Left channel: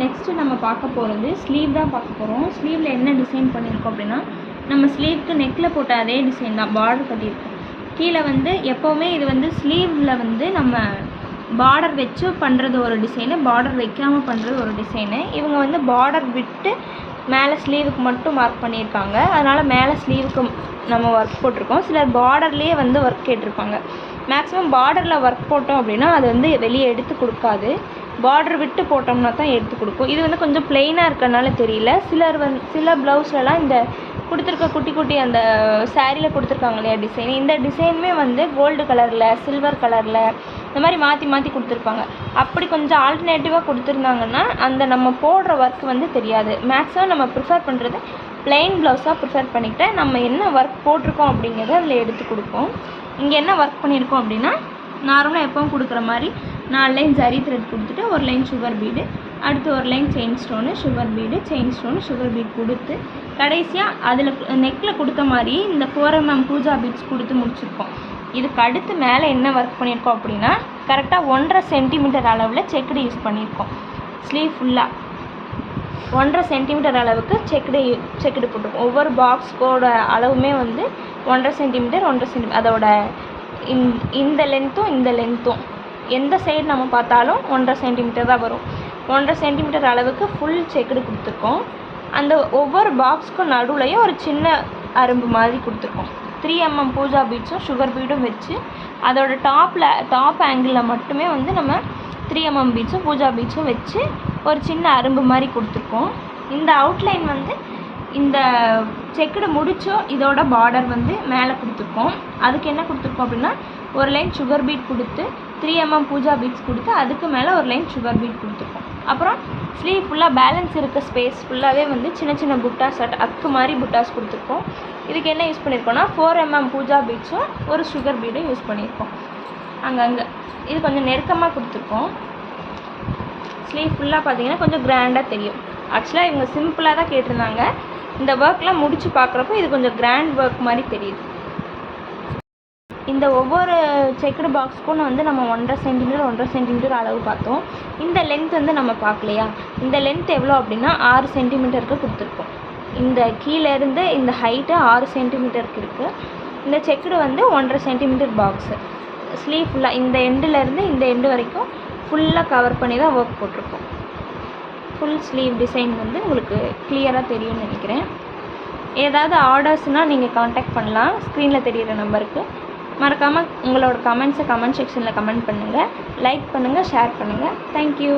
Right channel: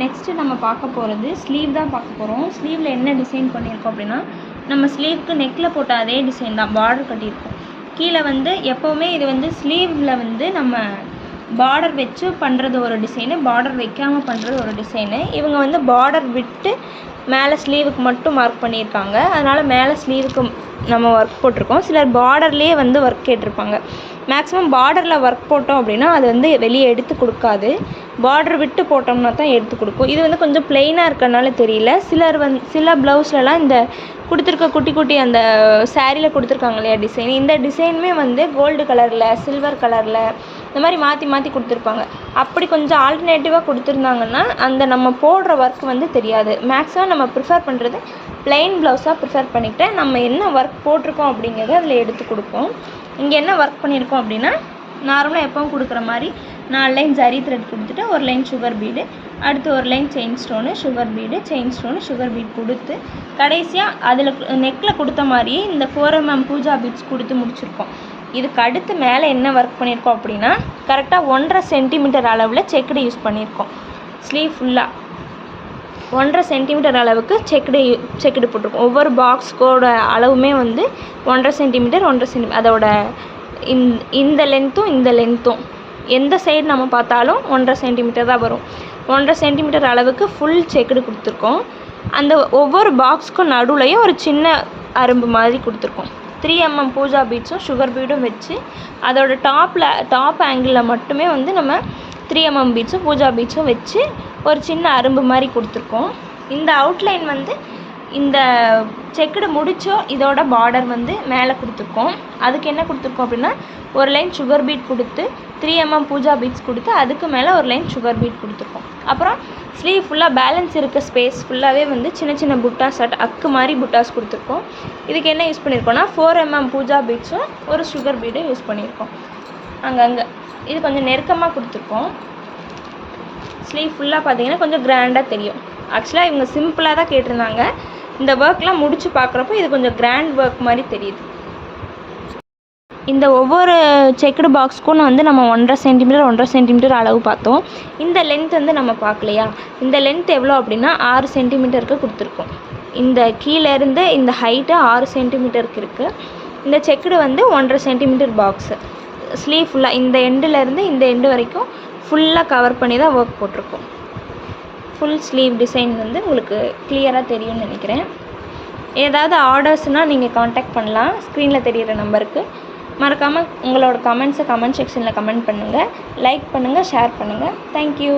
Next நம்ம பார்க்க போகிறது ஸ்லீவ் தான் பார்க்க போகிறோம். ஸ்லீவில் என்ன டிசைன் பண்ணியிருக்கோம் அப்படின்னா, நம்ம ஸ்லீவ்க்கு நெக்கில் போட்ட அதே டிசைன் தான், பார்டர் கட்டியிருக்கோம். கீழே வந்து எப்போவுமே இது வந்து ஸ்லீவில் வந்து நம்ம பார்டர் வச்சு பண்ணுறது ஒரு டிசைனு, பார்டர் வைக்காமல் பண்ணுறது ஒரு டிசைனு. இவங்க வந்து பார்டர் விட்டு மேலே ஸ்லீவுக்கு மட்டும் மார்க் பண்ணியிருக்காங்க. அதனால் மேலே ஸ்லீவுக்கு நம்ம ஒர்க் போட்டிருக்கோம். சிலர் பார்டர்லேயே வந்து ஒர்க் கேட்டிருப்பாங்க. மேக்ஸிமம் பார்டரில் ஒர்க் போட்டோம் அப்படின்னா அது வந்து வெளியே எடுத்து கொடுக்காது. பார்டர் விட்டு போட்டோம்னா தான் எடுத்து கொடுக்கும். இது வந்து கொஞ்சம் ப்ளெயினாக இருக்கிறனால தெரியல. சில ப்ளவுஸ்லலாம் இந்த கொடுத்துருக்க குட்டி குட்டி அந்த சாரியில் கொடுத்துருக்காங்க இல்லையா டிசைன், இந்த டிசைனுமே வந்து கோல்டு கலரில், சில்வர் கலரில் இந்த மாதிரி மாற்றி மாற்றி கொடுத்துருப்பாங்க. அப்படி கொஞ்சம் ஆல்டர்னேட்டிவாக கொடுத்துருந்தாங்கன்னா அந்த நம்ம போடுற ஒர்க் வந்து தெரியாது. மேக்ஸிமம் நம்ம ப்ரிஃபர் பண்ணுறது ப்ளெயின் ப்ளவுஸாக ப்ரிஃபர் பண்ணிக்கிட்டு நம்ம என்ன ஒர்க் போட்டிருக்கோம் அப்படிங்கிறத அதில் எடுத்து கொடுப்போம். இங்கே என்ன ஒர்க் பண்ணியிருக்கோம் அப்படின்னா, நார்மலாக எப்பவும் கொடுக்குற மாதிரி 4 லைன் ஜரி த்ரெட் கொடுத்துட்டு ஒரு லைன் சுகர் பீடு, அடுத்து ஒரு line chain stone, sugar bead, chain stone, sugar bead கொடுத்து கடைசியாக அதில் நெக்கில் கொடுத்த மாதிரியே இந்த 4mm பூஜா பீட்ஸ் கொடுத்து முடிச்சிருக்கோம். இதுக்கு அடுத்து மேலே என்ன ஒர்க் பண்ணியிருக்கோம் அப்படின்னா, கரெக்டாக 1.5 சென்டிமீட்டர் அளவில் செக்குடு யூஸ் பண்ணியிருக்கோம். ஸ்லீவ் ஃபுல்லாக 1.5 சென்டிமீட்டர் அளவுக்கு செக்குடு போட்டிருக்கோம். ஒவ்வொரு பாக்ஸ்க்கோட அளவுமே வந்து 1.5 சென்டிமீட்டர் 1.5 சென்டிமீட்டர், அதோட இந்த லென்த்தும் எந்த சைடு நம்ம பார்த்தாலும் 1.5 சென்டிமீட்டர் தான் வரும். 1.5 சென்டிமீட்டர் அளவுக்கு ஃபுல் செக்குடு கொடுத்துருக்கோம். அந்த ஒவ்வொரு பாக்ஸ்க்கும் நடுவுலையும் ஒரு சின்ன அரும்பு மாதிரி கொடுத்துருக்கோம். 3mm பூஜா பீட்ஸும் சுகர் பீடும் வச்சு அதோட டாப் ஆங்கிளில் மட்டுமே வந்து நம்ம 3mm பீட்ஸும் பூஜா பீட்ஸும் வச்சு ஒரு சின்ன அரும்பு மாதிரி கொடுத்துருக்கோம். இந்த அவுட்லைன் வந்து இந்த செக்குடு முடிச்சோ இதோட பார்டர் வந்து மேலே கொடுத்துருக்கோம். அதுக்கு என்ன கொடுத்துருக்கோம் அப்படின்னா, ஒரு லைன் சுகர் பீட் கொடுத்து 3mm பூஜா பீட்ஸ் கொடுத்து அதுக்கு மேலே ஒரு லைன் சுகர் பீட் கொடுத்துருக்கோம். அப்புறம் ஸ்லீவ் ஃபுல்லாக பேலன்ஸ் இருக்க ஸ்பேஸ் ஃபுல்லாகவே வந்து சின்ன சின்ன புட்டாஸ் அக்கு மாதிரி புட்டாஸ் கொடுத்துருக்கோம். இதுக்கு என்ன யூஸ் பண்ணியிருக்கோம்னா, 4mm பூஜா பீட்ஸும் ஒரு சுகர் பீடும் யூஸ் பண்ணியிருக்கோம். அங்கங்கே இது கொஞ்சம் நெருக்கமாக கொடுத்துருக்கோம். ஸ்லீவ் ஃபுல்லாக பார்த்தீங்கன்னா கொஞ்சம் கிராண்டாக தெரியும். ஆக்சுவலாக இவங்க சிம்பிளாக தான் கேட்டிருந்தாங்க. இந்த ஒர்க்லாம் முடித்து பார்க்குறப்போ இது கொஞ்சம் கிராண்ட் ஒர்க் மாதிரி தெரியுது. இந்த ஒவ்வொரு செக்குடு பாக்ஸ்க்கும் வந்து நம்ம 1.5 சென்டிமீட்டர் அளவு பார்த்தோம். இந்த லென்த் வந்து நம்ம பார்க்கலையா, இந்த லென்த் எவ்வளோ அப்படின்னா 6 சென்டிமீட்டருக்கு கொடுத்துருக்கோம். இந்த கீழேருந்து இந்த ஹைட்டு 6 சென்டிமீட்டருக்கு இருக்குது. இந்த செக்குடு வந்து 1.5 சென்டிமீட்டர் பாக்ஸு. ஸ்லீவ் ஃபுல்லாக இந்த எண்டுலேருந்து இந்த எண்டு வரைக்கும் ஃபுல்லாக கவர் பண்ணி தான் ஒர்க் போட்டிருக்கோம். ஃபுல் ஸ்லீவ் டிசைன் வந்து உங்களுக்கு கிளியராக தெரியும்னு நினைக்கிறேன். ஏதாவது ஆர்டர்ஸ்னால் நீங்கள் காண்டாக்ட் பண்ணலாம் ஸ்க்ரீனில் தெரிகிற நம்பருக்கு. மறக்காமல் உங்களோட கமெண்ட்ஸை கமெண்ட் செக்ஷனில் கமெண்ட் பண்ணுங்கள், லைக் பண்ணுங்கள், ஷேர் பண்ணுங்கள். தேங்க்யூ.